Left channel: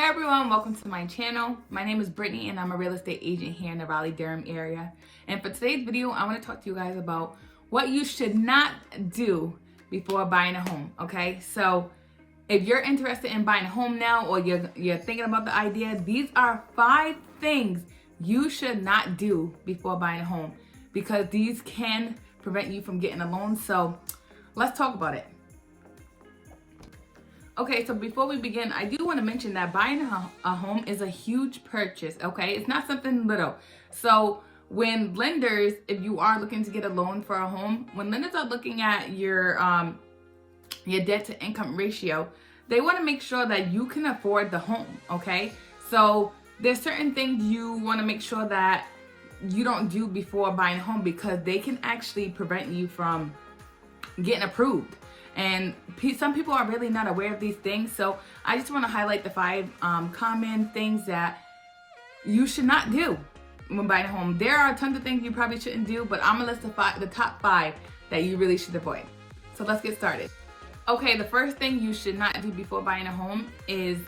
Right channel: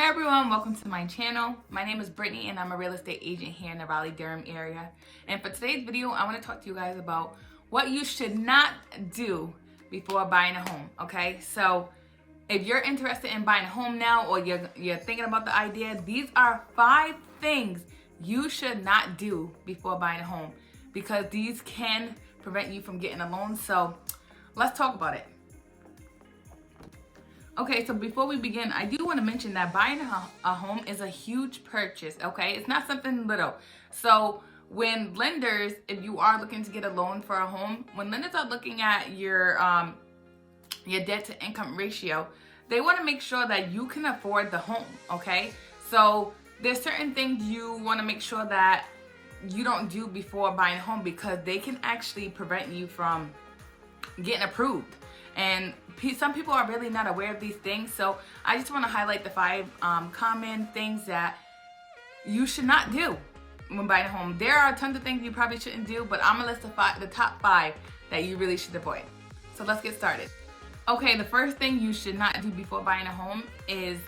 Hey everyone, welcome to my channel. My name is Britney and I'm a real estate agent here in the Raleigh, Durham area. And for today's video, I want to talk to you guys about what you should not do before buying a home, okay? So if you're interested in buying a home now or you're thinking about the idea, these are 5 things you should not do before buying a home because these can prevent you from getting a loan. So let's talk about it. Okay, so before we begin, I do want to mention that buying a home is a huge purchase, okay? It's not something little. So when lenders, if you are looking to get a loan for a home, when lenders are looking at your debt to income ratio, they want to make sure that you can afford the home, okay? So there's certain things you want to make sure that you don't do before buying a home because they can actually prevent you from getting approved. And some people are really not aware of these things. So I just want to highlight the 5 common things that you should not do when buying a home. There are tons of things you probably shouldn't do, but I'm going to list the top 5 that you really should avoid. So let's get started. Okay, the first thing you should not do before buying a home is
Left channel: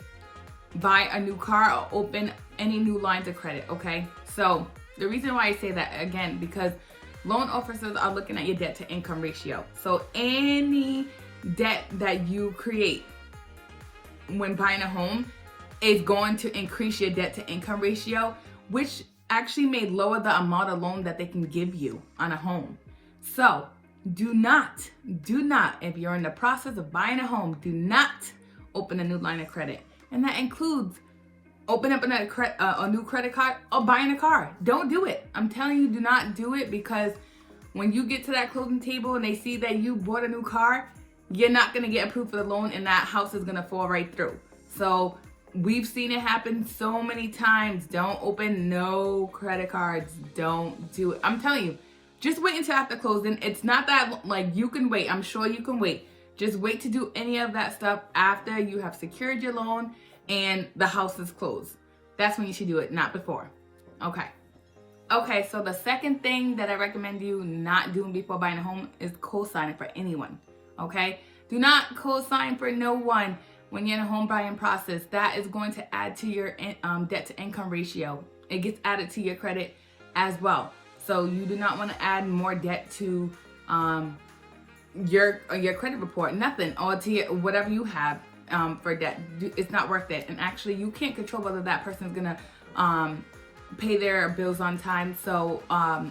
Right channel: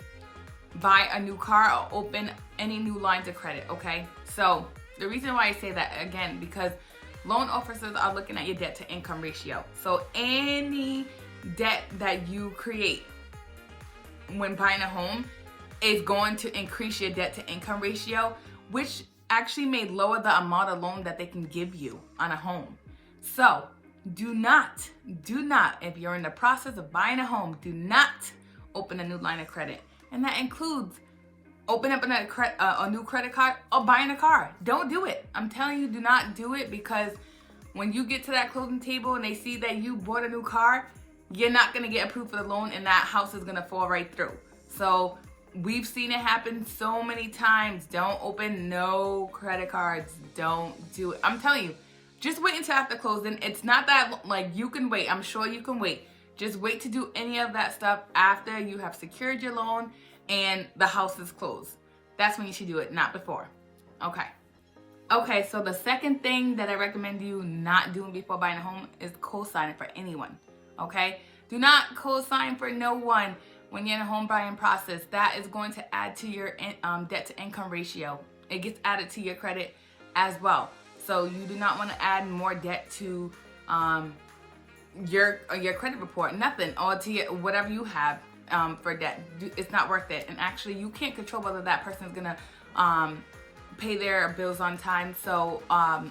buy a new car or open any new lines of credit, okay? So the reason why I say that, again, because loan officers are looking at your debt to income ratio. So any debt that you create when buying a home is going to increase your debt to income ratio, which actually may lower the amount of loan that they can give you on a home. So do not, if you're in the process of buying a home, do not open a new line of credit. And that includes open up a new credit card or buying a car. Don't do it. I'm telling you, do not do it, because when you get to that closing table and they see that you bought a new car, you're not going to get approved for the loan and that house is going to fall right through. So we've seen it happen so many times. Don't open no credit cards. Don't do it. I'm telling you, just wait until after closing. It's not that, like, you can wait. I'm sure you can wait. Just wait to do any of that stuff after you have secured your loan and the house is closed. That's when you should do it, not before. Okay, so the second thing that I recommend you not doing before buying a home is co-signing for anyone, okay? Do not co-sign for no one when you're in a home buying process. That is going to add to your debt to income ratio. It gets added to your credit as well. So you do not want to add more debt to your credit report, nothing, or to whatever you have for debt. It's not worth it. And actually, you can't control whether that person is gonna pay their bills on time, so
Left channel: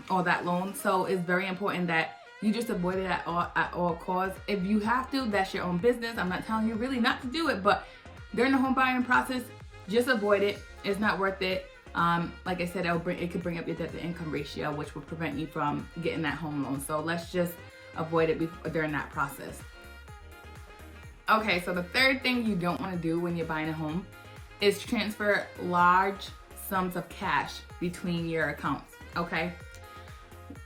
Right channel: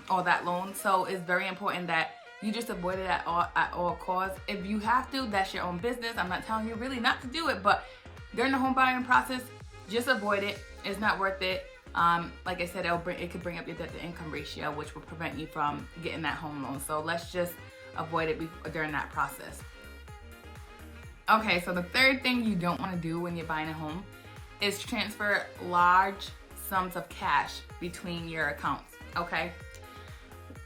or that loan. So it's very important that you just avoid it at all costs. If you have to, that's your own business. I'm not telling you really not to do it, but during the home buying process, just avoid it. It's not worth it. Like I said, it could bring up your debt to income ratio, which will prevent you from getting that home loan. So let's just avoid it during that process. Okay, so the third thing you don't want to do when you're buying a home is transfer large sums of cash between your accounts, okay?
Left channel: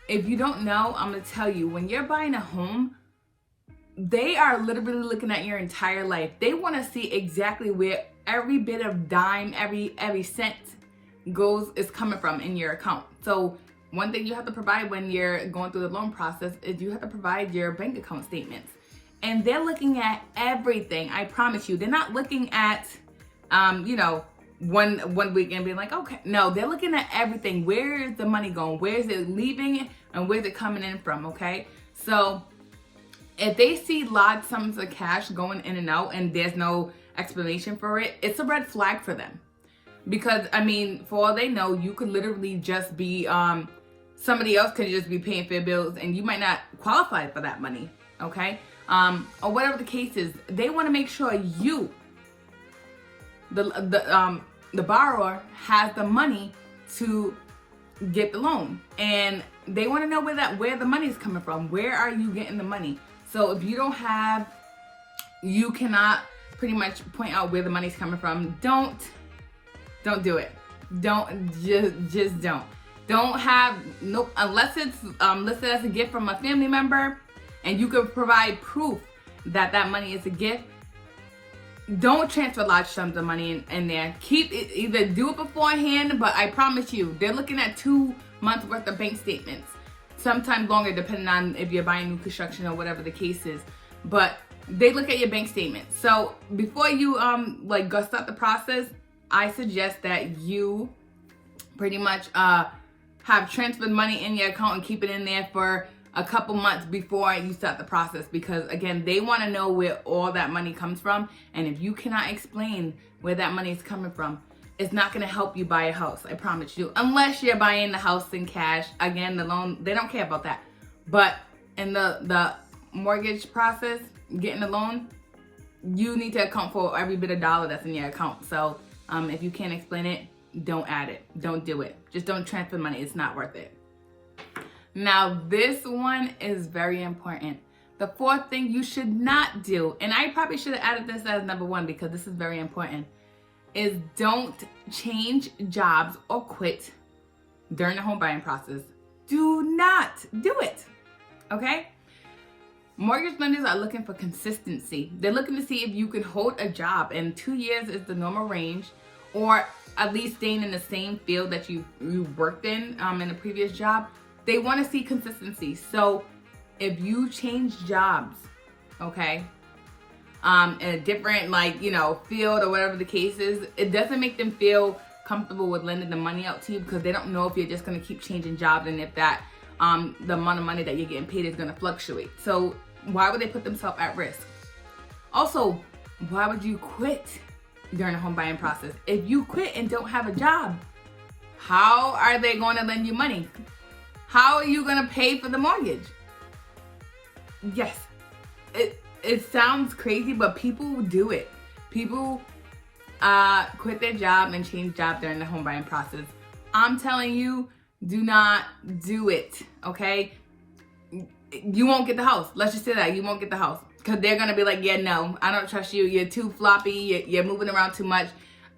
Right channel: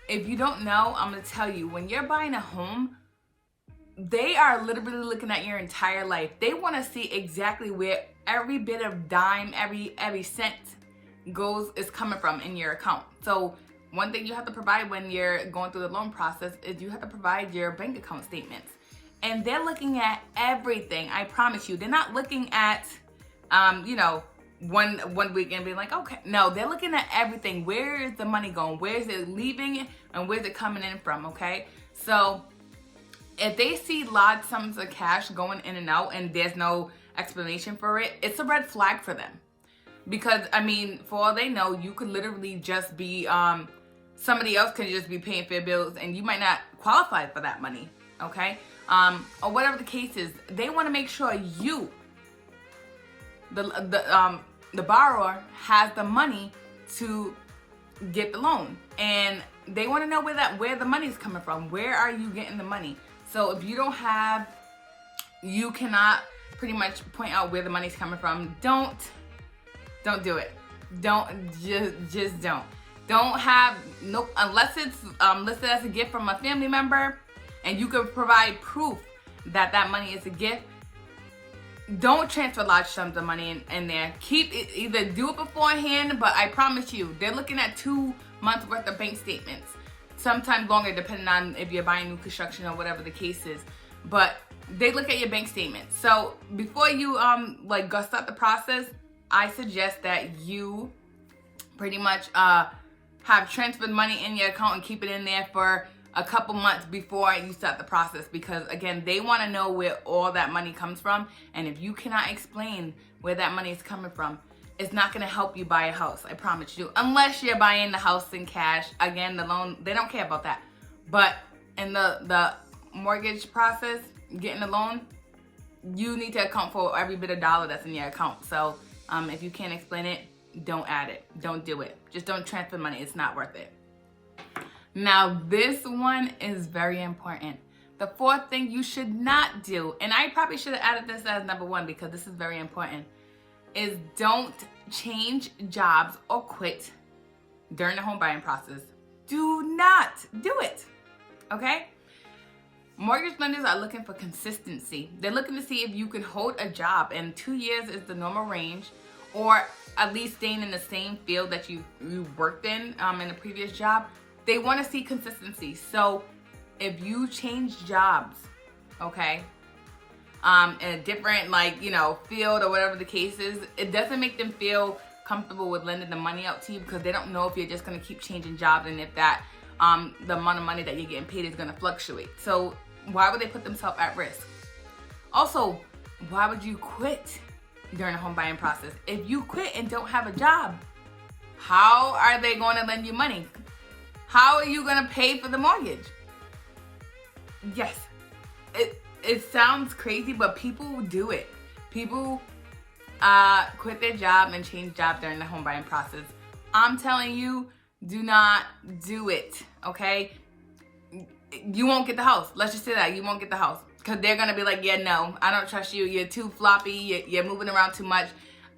If you don't know, I'm going to tell you, when you're buying a home, they are literally looking at your entire life. They want to see exactly where every bit of dime, every cent is coming from in your account. So one thing you have to provide when you're going through the loan process is you have to provide your bank account statements. And they're looking at everything. I promise you. They're not looking at, one week and being like, okay. No, they're looking at everything. Where is the money going? Where is it leaving? And where's it coming in from? Okay. So if they see large sums of cash going in and out and there's no explanation for it, it's a red flag for them. Because, I mean, for all they know, you could literally just be, somebody else could just be paying for your bills and you might not qualify for that money. Okay. Or whatever the case is, they want to make sure you, the borrower, has the money to get the loan, and they want to know where the money is coming from. Where are you getting the money? So if you don't have, you cannot pretty much point out where the money's coming from. Don't do it. Just don't. Don't have, nope, unless it's listed as a gift from a family member and you can provide proof that that money is a gift. Don't transfer large sums of money in there. Keep it, either do it beforehand, but I promise you, they're looking at 2 months worth of bank statements. Sometimes longer, depending on if you're buying new construction or whatever the case is. But they look at your bank statement. So before you go start the process, I suggest that you pretty much have transferred money in your account and keep it in there for a couple months before you start the process, because again, they want to know where all that money comes from. And if you cannot explain where that money is coming from, it's not going to help you buy a house. I promise you, unless you're buying the house in cash. Again, the loan, they don't care about that. But in the mortgage process, getting a loan, you need to account for every bit of dollar that's in your account. So if you can't explain it, don't add it. Don't do it. Just don't transfer money. It's not worth it. Now, this one is very important. The fourth thing you should not do, and I probably should have added this as number one because this is very important, is don't change jobs or quit during the home buying process. Do not do it, okay? Mortgage lenders are looking for consistency. They're looking to see if you can hold a job, and 2 years is the normal range, or at least staying in the same field that you worked in a previous job. They want to see consistency. So if you change jobs, okay, in a different, field or whatever the case is, it doesn't make them feel comfortable with lending the money out to you, because they don't know if you're just going to keep changing jobs and if that the amount of money that you're getting paid is going to fluctuate. So why would they put themselves at risk? Also, why would you quit during the home buying process? If you quit and don't have a job, how are they going to lend you money? How are you going to pay for the mortgage? Yes, it sounds crazy, but people do it. People quit their job and change job during the home buying process. I'm telling you, do not do it, okay? You won't get the house. Let's just say that. You won't get the house. Because they're going to be like, yeah, no, I don't trust you. You're too floppy. You're moving around too much.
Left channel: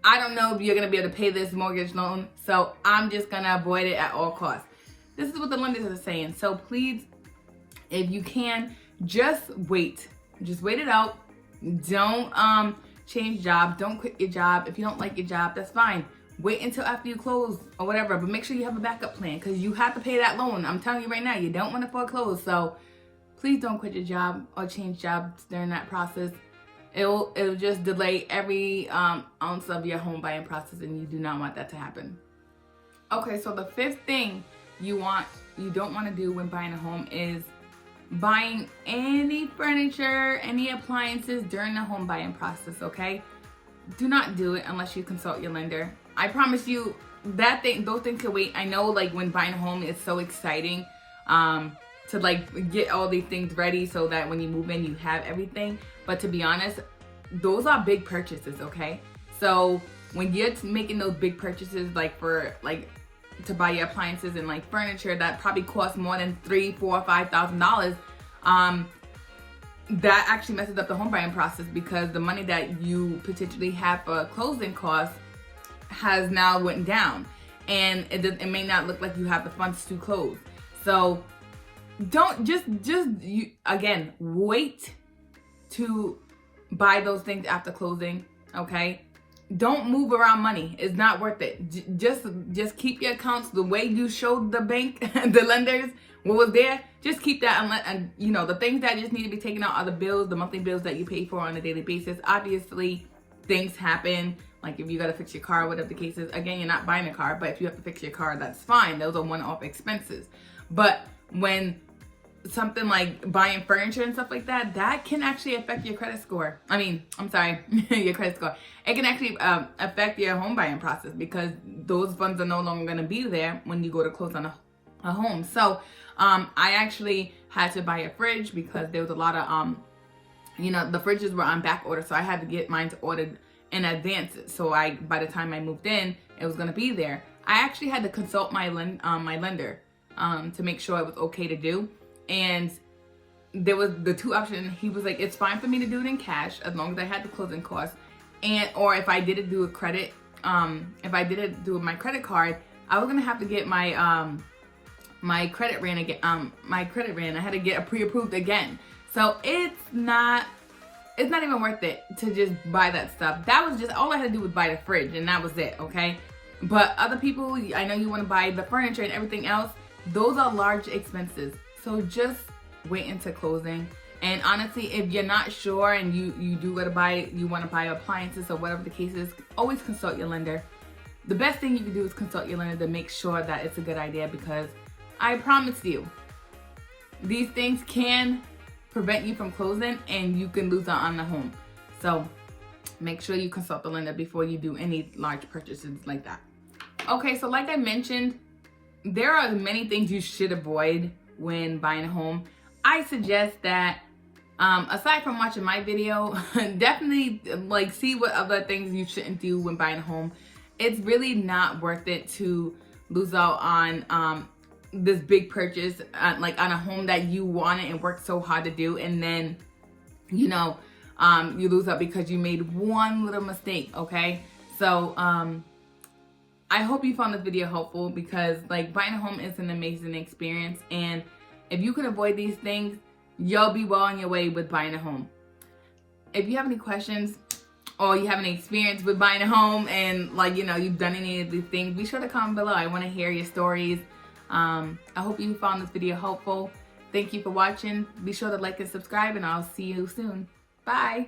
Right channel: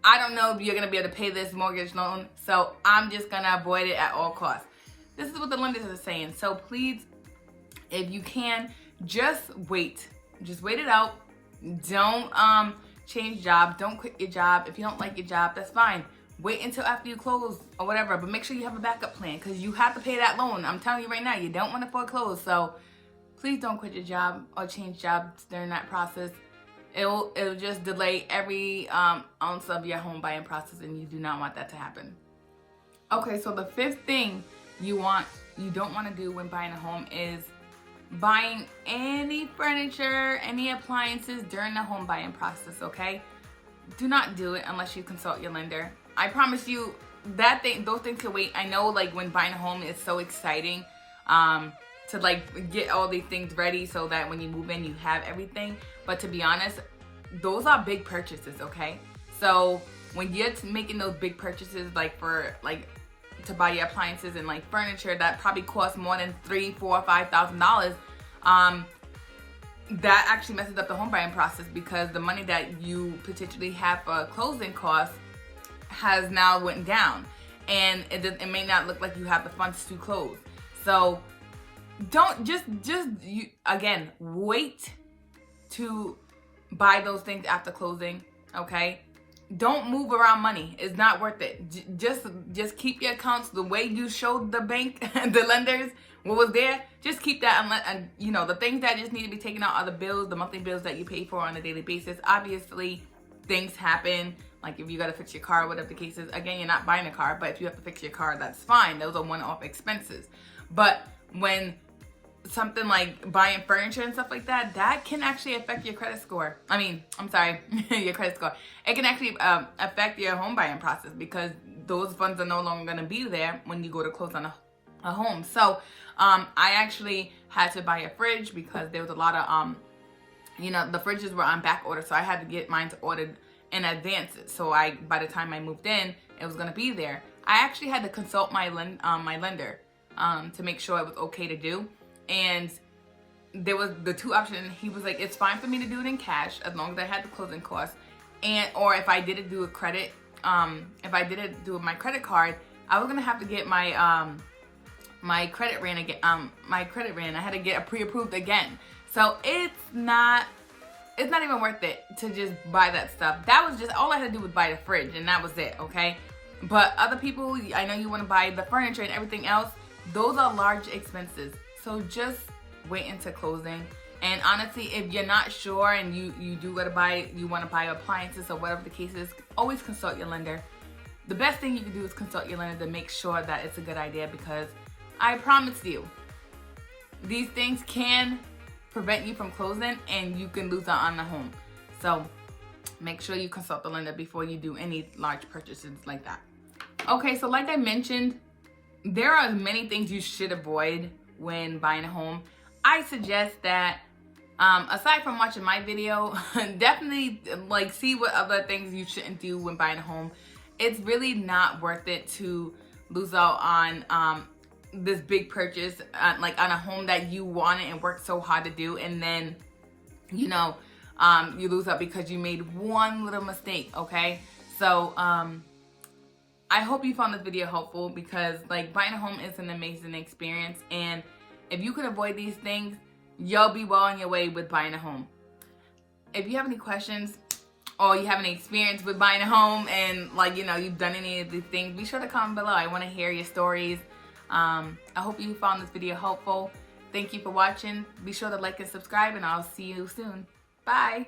I don't know if you're going to be able to pay this mortgage loan. So I'm just going to avoid it at all costs. This is what the lenders are saying. So please, if you can, just wait. Just wait it out. Don't change jobs. Don't quit your job. If you don't like your job, that's fine. Wait until after you close or whatever. But make sure you have a backup plan, because you have to pay that loan. I'm telling you right now, you don't want to foreclose. So please don't quit your job or change jobs during that process. It'll just delay every ounce of your home buying process, and you do not want that to happen. Okay, so the fifth thing you don't want to do when buying a home is buying any furniture, any appliances during the home buying process, okay? Do not do it unless you consult your lender. I promise you those things can wait. I know, when buying a home, it's so exciting to get all these things ready so that when you move in, you have everything. But to be honest, those are big purchases, okay? So when you're making those big purchases, to buy your appliances and furniture that probably costs more than $3,000, $4,000, $5,000, that actually messes up the home buying process, because the money that you potentially have for closing costs has now went down, and it may not look like you have the funds to close. So don't again, wait to buy those things after closing, okay? Don't move around money. It's not worth it. Just keep your accounts the way you showed the bank, the lenders, what was there. Just keep that, and the things that just need to be taken out are the bills, the monthly bills that you pay for on a daily basis. Obviously, things happen, like if you gotta fix your car, whatever the case is. Again, you're not buying a car, but if you have to fix your car, that's fine. Those are one-off expenses. But when something like buying furniture and stuff like that, that can actually affect your credit score. Your credit score. It can actually affect your home buying process, because those funds are no longer going to be there when you go to close on a home. So I actually had to buy a fridge because there was a lot of, the fridges were on back order. So I had to get mine ordered in advance. So by the time I moved in, it was going to be there. I actually had to consult my lender to make sure it was okay to do. And there was the two options. He was like, it's fine for me to do it in cash as long as I had the closing costs. Or if I did it do a credit, if I did it do my credit card, I was gonna have to get my my credit ran again. I had to get a pre-approved again. So it's not even worth it to just buy that stuff. That was just all I had to do was buy a fridge, and that was it. Okay, but other people, I know you want to buy the furniture and everything else. Those are large expenses. So just wait until closing And honestly, if you're not sure and you want to buy appliances or whatever the case is, always consult your lender. The best thing you can do is consult your lender to make sure that it's a good idea, because I promise you, these things can prevent you from closing and you can lose out on the home. So make sure you consult the lender before you do any large purchases like that. Okay, so like I mentioned, there are many things you should avoid when buying a home. I suggest that aside from watching my video, definitely like see what other things you shouldn't do when buying a home. It's really not worth it to lose out on this big purchase, like on a home that you wanted and worked so hard to do, and then you lose out because you made one little mistake. Okay, so I hope you found this video helpful, because like buying a home is an amazing experience, and if you can avoid these things, you'll be well on your way with buying a home. If you have any questions or you have any experience with buying a home and like, you've done any of these things, be sure to comment below. I want to hear your stories. I hope you found this video helpful. Thank you for watching. Be sure to like and subscribe, and I'll see you soon. Bye.